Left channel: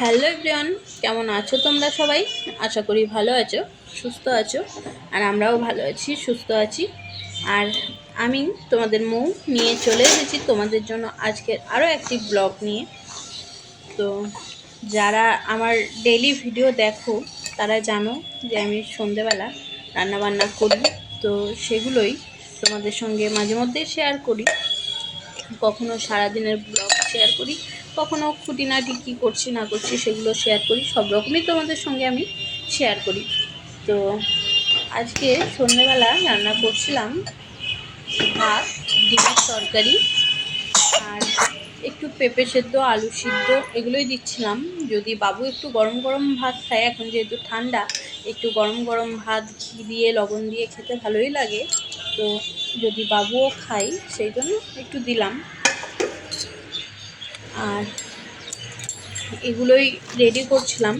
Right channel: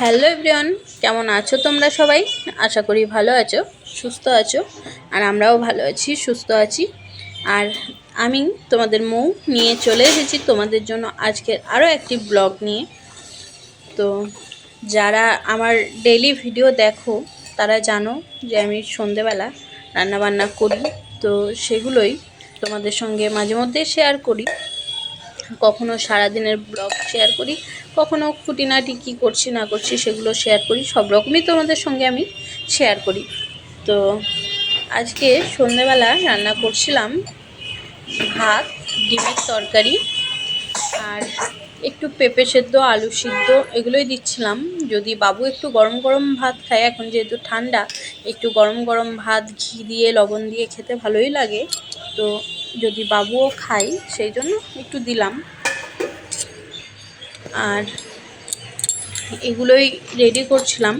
Hello everyone, কেমন আছো তোমরা সবাই? আশা করি ভালো আছো, সুস্থ আছো, আর আমরাও ভালো আছি, সুস্থ আছি। আর আমি তোমাদের মৌ নিয়ে চলে এসেছি তোমাদের জন্য আজকের আরও একটি ব্লগ নিয়ে। তো যারা আমার ডেলি ভিডিও দেখো, তারা জানো যে আমি সন্ধেবেলা রান্নাবান্না করি। তো সেগুলোই তোমাদের সঙ্গে মাঝে মধ্যে শেয়ার করি। কখনো সারাদিনের ব্লগ শেয়ার করি কখনো খুঁটিনাটি কী করছি, না করছি সেগুলো শেয়ার করি। সব রকমই তোমাদের সঙ্গে আমি শেয়ার করি। তো আজকে সন্ধেবেলা রান্না করছিলাম ভাত, ডিমের তরকারি আর একটু পেঁপে সেদ্ধ, আলু সিদ্ধ এগুলোই দিচ্ছিলাম। যদি বাবু একটু গরম গরম ভাত খায়, এখন যেহেতু ঠান্ডা, একটু গরম গরম ভাত, ঘি দিয়ে, লবণ দিয়ে খেতে ভালোই লাগে। তো যদি বাবুও খায়, সেই জন্য একটু দিলাম। আর এগুলোই রেডি করছিলাম।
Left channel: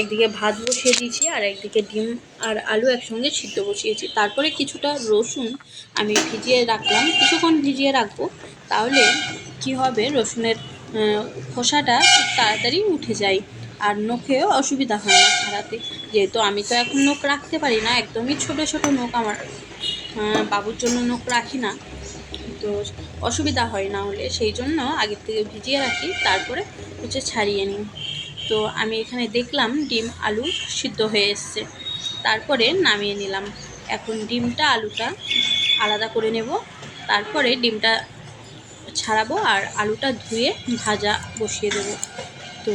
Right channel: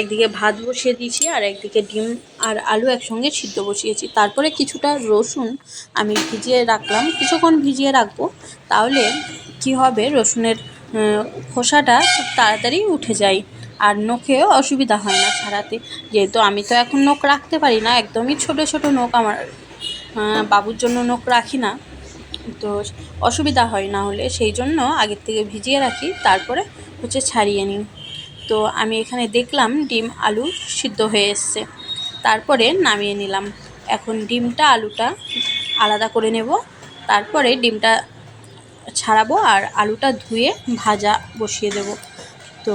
একদিকে ভাত বসিয়ে দিয়েছি আর একদিকে ডিম আর আলু একসঙ্গে সিদ্ধ বসিয়েছি। তারপরে কিছুটা রসুন আমি ভিজিয়ে রাখলাম। কিছুক্ষণ ভিজিয়ে রাখব, তাহলে কি হবে? রসুনের খোসাটা খুব তাড়াতাড়ি উঠে যায় আর নখেও অসুবিধা হয় না ছাড়াতে। যেহেতু আমি তো এখন নখ রাখতে পারি না, একদমই ছোট ছোট নখ আমার বাবুর জন্য নখ রাখি না। তো অসুবিধা হয় না হলে, সেই জন্য আগের থেকে ভিজিয়ে রাখি, তারপরে হচ্ছে ছাড়িয়ে নিই। তো আমি এখানে দেখলাম ডিম, আলু সিদ্ধ হয়ে এসছে। তারপরে নামিয়ে নিলাম। এখন ডিমটা, আলুটা আলাদা করে নেব। তারপরে ডিমটা ছাড়াবো আর আলুটা ধুয়ে ভাজা বসিয়ে দেব। তো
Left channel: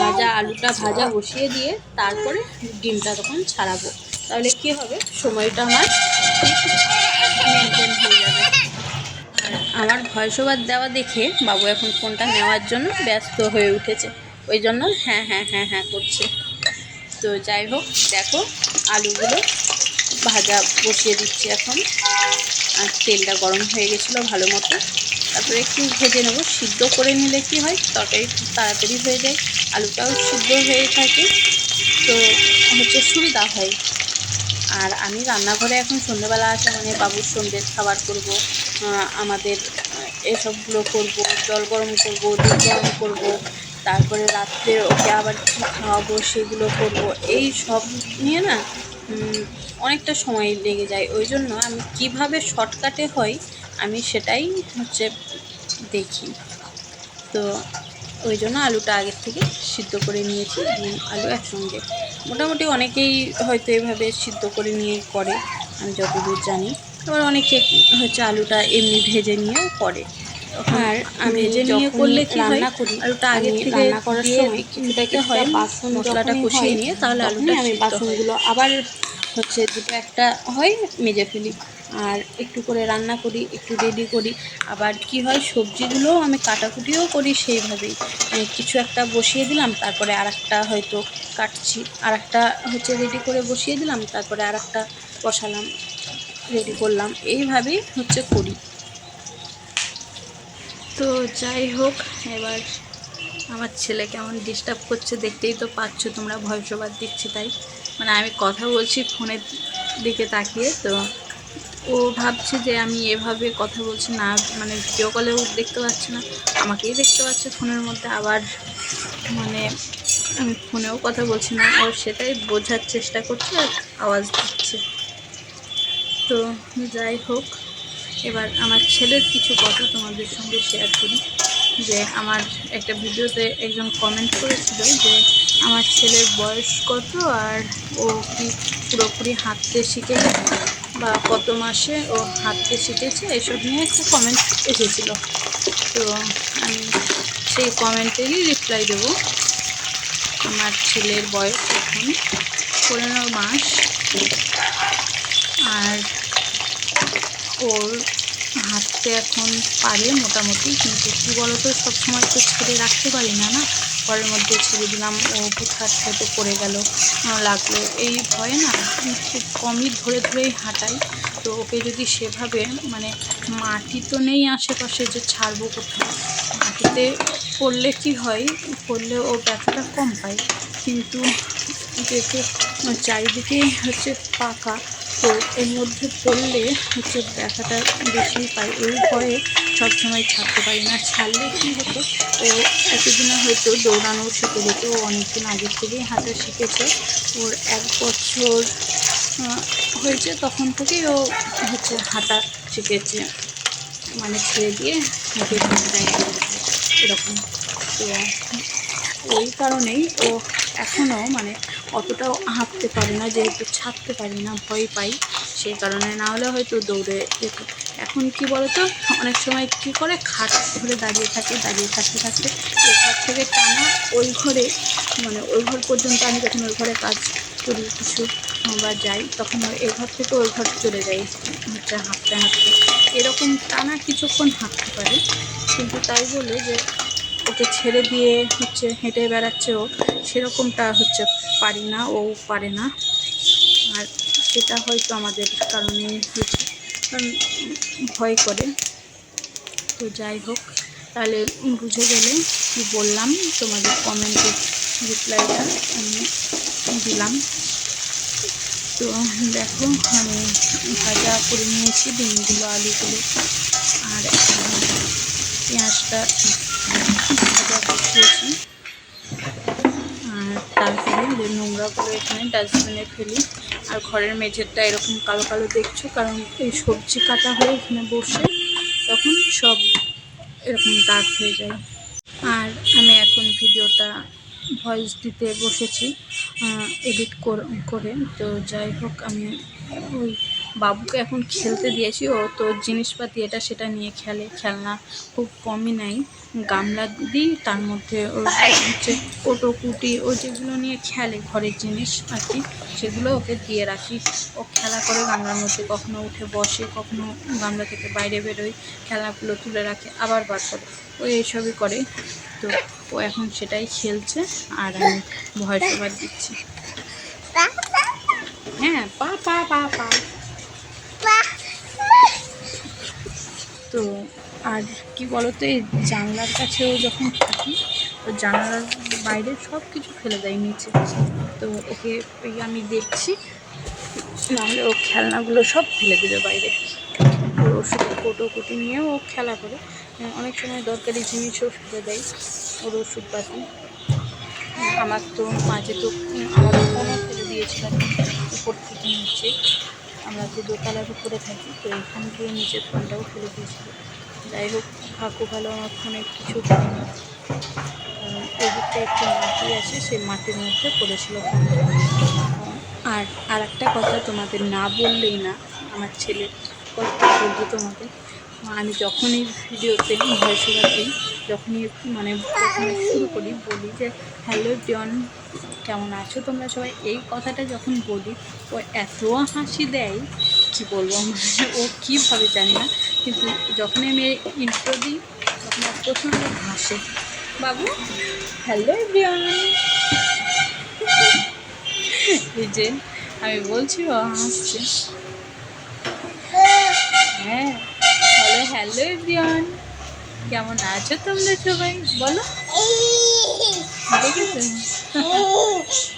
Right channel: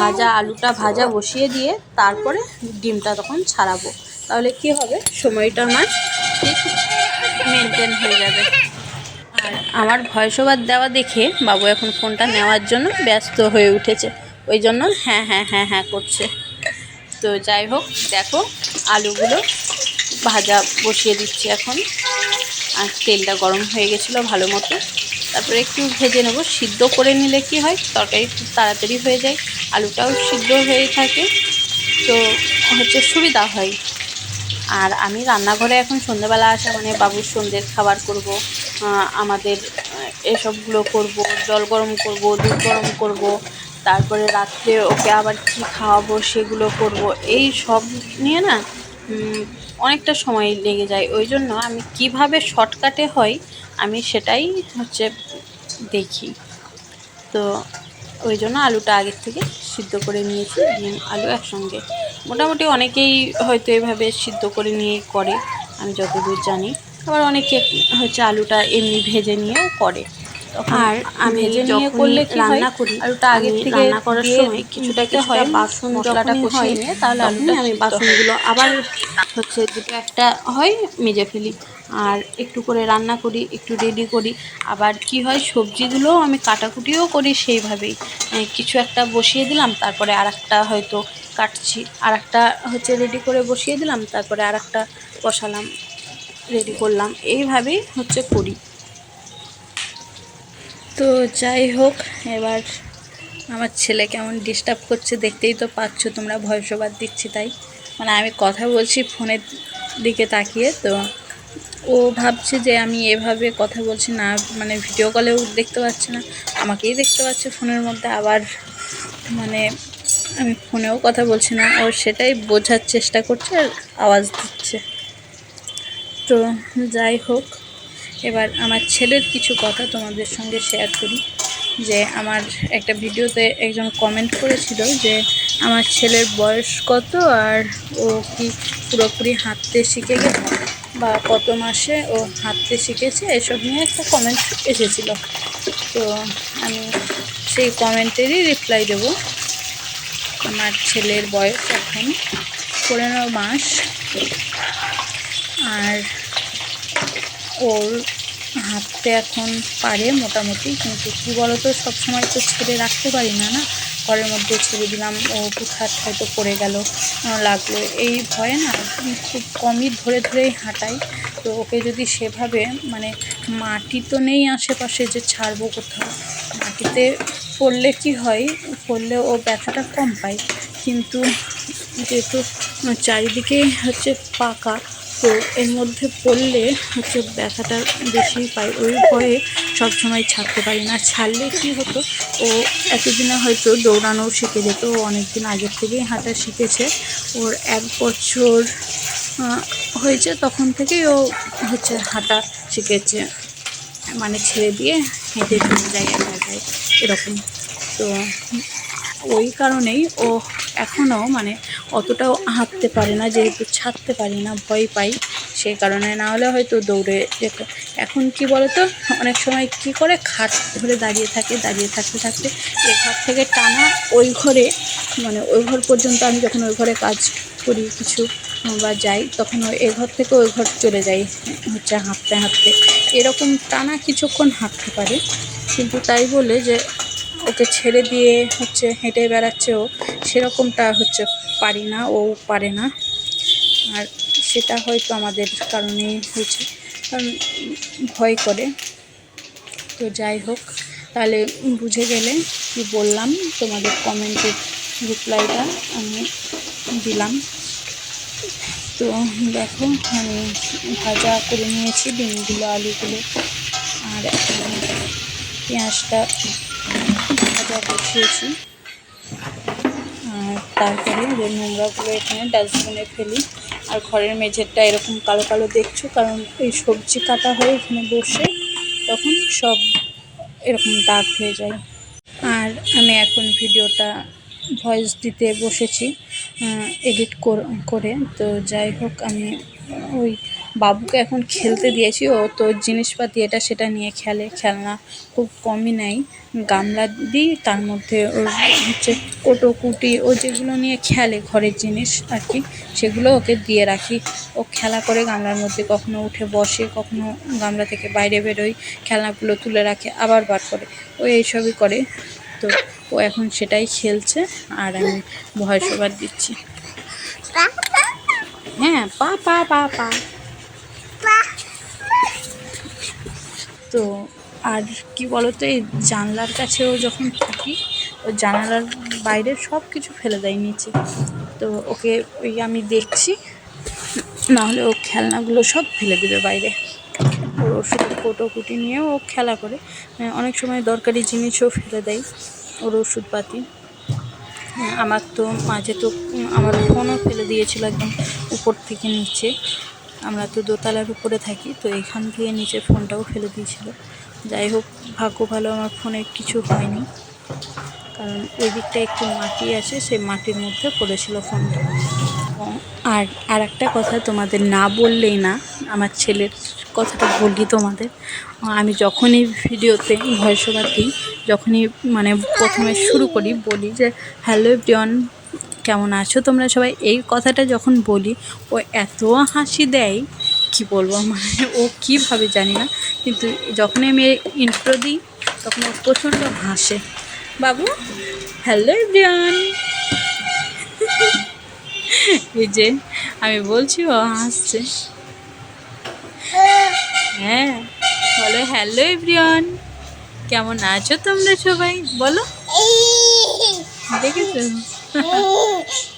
ভাজা, আলুটা ভাজা বসিয়ে দিয়ে তারপরে ডিমটা তখন ছাড়াবো। তাহলে কি হবে? সময়টা আমার ঠিক মেনটেন হয়ে যাবে। আর আমার ভয়েস ওভার দেওয়া দেখে বাবু এখন ফোনটা নেওয়ার জন্য ব্যস্ত হয়ে উঠেছে। ওই জন্য হ্যাঁ হ্যাঁ হ্যাঁ হ্যাঁ করছে। তো যাই হোক, দেখো আলুগুলো ভাজা বসিয়ে দিচ্ছি এখন। আর তেলটা গরম হয়ে গেছিল ভালো মতো। তারপরে একটু ভেজে নেব। সিদ্ধ করে নিলে কি হয়? তরকারি খুব তাড়াতাড়ি হয়ে যায়। আলুটাও সিদ্ধ হয়ে থাকে। তো হচ্ছে সুবিধা হয়। আর আমি রান্নাঘরে এখন সন্ধ্যেবেলা আসা মানে বাবুর সন্ধ্যের খাবার করব আমাদের এসবগুলো করব, জল গরম করব, দুধ গরম করব, তারপরে রাত্রে ওকে আবার কী খাওয়াবো সেগুলো করব, এই সব নিয়ে না অনেকটা সময় লেগে যায়। ওই জন্য আমি কীভাবে শর্টকাটে হয়, আমি সেটাই হচ্ছে দেখি। তো ওই জন্য আলুটা আগের থেকে সিদ্ধ করে নিয়েছি, ডিম, আলু একসঙ্গে। মোটামুটি অনেকেই হয়তো এভাবে সিদ্ধ করে নিয়ে করে আমি যতদূর জানি। আবার অনেকে হচ্ছে আলুটা এমনি ভেজে নিয়েও করে। আর আমি ভেজে নিয়ে করলে কি রান্না করি আলুটা আগে থেকে রান্না করার সময় কিছুটা হয় বাসন মশলাটা কষিয়ে নিয়ে তাহলে আলুটা আমি বাসনগুলো আবার হচ্ছে দুটো একটা হয় মেজে ফেলি। আর একটু করে রান্না করি, একটু রেডি করি। আবার কি হয়, সবজিগুলোও আমি কাটাকুটিও করি সেইভাবেই। কিছু একটা বসিয়ে দিলাম, তারপরে আর একটা হয়তো কাটছি। আর একটা হচ্ছে রেডি করে বসিয়ে দিলাম, তারপরে আর একটা বসালাম রেডি করলাম। এইভাবেই হচ্ছে করি। তো যাই হোক, এবার আমার ছেলে কেমন ডিস্টার্ব করছে দেখতেই তো পাচ্ছ, তোমরা ভয়েস ওভার দিচ্ছি তাই। মানে আমি কথা বলছি ফোনের দিকে তাকিয়ে, তো ও ভাবছে যে আমি এভাবে কথা বলছি না মানে ভিডিও কলেও দেখতে পাচ্ছে না, আমাকেই দেখতে পাচ্ছে ফোনের মধ্যে, আবার মানে আমি ফোনেও কথা বলছি না, ও সেটাই বোঝার চেষ্টা করছে, আওয়াজ দিচ্ছে। তো যাই হোক, এবার আমার ছেলের কিছু কথা তোমাদের সঙ্গে শেয়ার করি, যে আমার একটা ভিডিওতে একজন কমেন্ট করেছিল যে আমার ছেলের বয়স কত আর ও কি পুরোপুরি হাঁটতে শিখে গেছে? বা কত মাসে ও হাঁটতে শিখেছে, এসব নিয়ে একটা কমেন্ট এসেছিল। তো আমি সেই কমেন্টেরই রিপ্লাই দেবো। আমার ছেলের বয়স এখন পনেরো মাস। আর ওর হাঁটতে এখন পারে মোটামুটি, কিন্তু কী বলো তো সবসময় তো ছেড়ে রাখতে পারি না না। ঘরের মধ্যে ছেড়ে দিলাম। ও হুটহাট হয়তো পড়ে গেল। লাগল। এই ভয়ে না খুব কমই ধরে ধরেই হাঁটাই। তো ওকে যদি সেভাবে মানে মাটি তো নেই আশেপাশে যে ছাড়বো কোথাও। মাটিতে পড়লে কি হয়? পড়লে ও ব্যথাটা কম পায় কিন্তু যেহেতু চারিদিকে হচ্ছে পাকা তো এর মধ্যে পড়লে হচ্ছে ব্যথাটা বেশি পাই। ওই ভয়ে সবসময় ছাড়তে পারি না। ছাড়লে কী হতো, ও এতদিনে হয়তো দৌড়ানো শিখে যেত। ও অনেক দিন আগের থেকেই হাঁটা শিখেছে। ওর এক বছর হয়েছে তখন থেকেই ও হচ্ছে হাঁটা শিখেছে। মানে ছেড়ে দিয়ে হেঁটে জায়গায় এরকম। তো ওই কারণেই ও এখনও মানে অতটাও হাঁটতে পারে না, যেহেতু ছাড়তে পারি না, ভয় পাই সেই কারণে। না হলে হয়তো দৌড়ে যেত। এখন কি বলতো, অনেক সময় কি করে, খাট ধরে দাঁড়িয়ে থাকে, দাঁড়িয়ে থাকতে থাকতে এ ঘর থেকে টানা ওই ঘরে মানে ওই ঘর পর্যন্ত আমি যখন ওই ঘরে কাজ করি কিছু, বা যাই, তখন এ ঘর থেকে ওই ঘর চলে যাই, হচ্ছে হাঁটতে হাঁটতে। এরকম টানা কিছুক্ষণ হাঁটতে পারে। কিন্তু তাই বলে যে ওকে ছেড়ে দিয়ে হচ্ছে হেঁটে বেড়াচ্ছে ও, সেরকমটা হচ্ছে পারি না, ও পারে না। আর সেটা হয়তো আমাদের কারণে হয়েছে ভয় করে। তো যাই হোক, তাহলে বুঝে গেলে কি বললাম, তোমাদের কমেন্টের রিপ্লাইটা আমি দিলাম। তো দেখো, আমি ভাজা করে নিয়েছি, ডিমগুলো, আলুগুলো, আর পেঁয়াজটা ভাজা বসিয়েছি আর তারপরে যে নোংরাগুলো এখানে ডাস্টবিনে ফেলি। আর ঘরের মেঝেরটা এরকম কালো কালো দেখছ, কারণ এই সবজি কাটা হয়ে এখানে বসে তখন সব এরকম দাগ হয়ে যায়। আর আমি এখন ভিডিওটা ভয়েস দিতে বসেছি এডিট করে। তো যাই হোক, আমি ওই বাবুকে এখন খেলতে দিয়েছি। ও তো জিনিসপাতি এটা সেটা নিয়ে খেলে, খেলনা খুব কমই নেয়। গামলা দিই, তার মধ্যে ওর হচ্ছে কোটো কুটি ও যেগুলো নিয়ে খেলে ঘরের জিনিস আর কি, সেগুলো ওকে দিয়ে রাখি। ও খেলা করে গামলার মধ্যে, কখনো উঠে বসে, কখনো গামলা থেকে বাইরে বেরোয়, খেলনাগুলো তুলে রাখে, আবার বার করে। ও এইসবই করে। তো ও এখন সেটাই খেলছে, আর আমি ভয়েস ওভার দিচ্ছি। হ্যাঁ পা পা পা পা। তো আর কি বলতো এই জানলার কাছেও যখন থাকি ও জানলার বাইরে সব কিছু ফেলে দেয় নিচে। তো ওকে ওই আমি দেখছি নাহলে ও খেলনাগুলো সব ফেলে দেবে বাইরে। ওর ওষুধ কোটো কুটি নিয়ে ও খেলা করে। হ্যাঁ, অনেক সময় দরকারি জিনিসও ফেলে দেয় ওর ওষুধপাতি। আমার তো মাঝে তো আমার ফোনও ফেলে দিয়েছিল একদম উপর থেকে নিচে। আমরা তো দোতলার উপরে থাকি তো এখান থেকে নিচে ফোনটাও ফেলে দিয়েছিল। যাই হোক, ভাগ্য ভালো আমার ফোনে কিছু হয়নি। কারণ ওই দিকটা একটু মাটি আছে, সেই মাটির মধ্যে পড়েছিল ফোনটা। আর আর একটা কথা তোমাদের না বললেই না, আমার ছেলের কথাটা বলি তোমাদের। আমি যখনই ভিডিওতে ভয়েস দিই, যখনই মানে প্রথমে শুরু করি, বলি যে, হ্যালো এভরিওয়ান, কেমন আছো তোমরা সবাই? এই কথাটা যখন বলি, ও এত হাসি দেয় কি বলব মানে ও কীভাবে জানি না। কিন্তু যখনই আমি ইন্ট্রো দিই তখন ও প্রচণ্ড হাসে। বাবু হ্যালো এভরিওয়ান এই যে আমি বলছি ও হাসছে। হ্যাঁ বলো হ্যালো এভরিওয়ান কেমন আছো তোমরা সবাই? বলো। দেখেছ?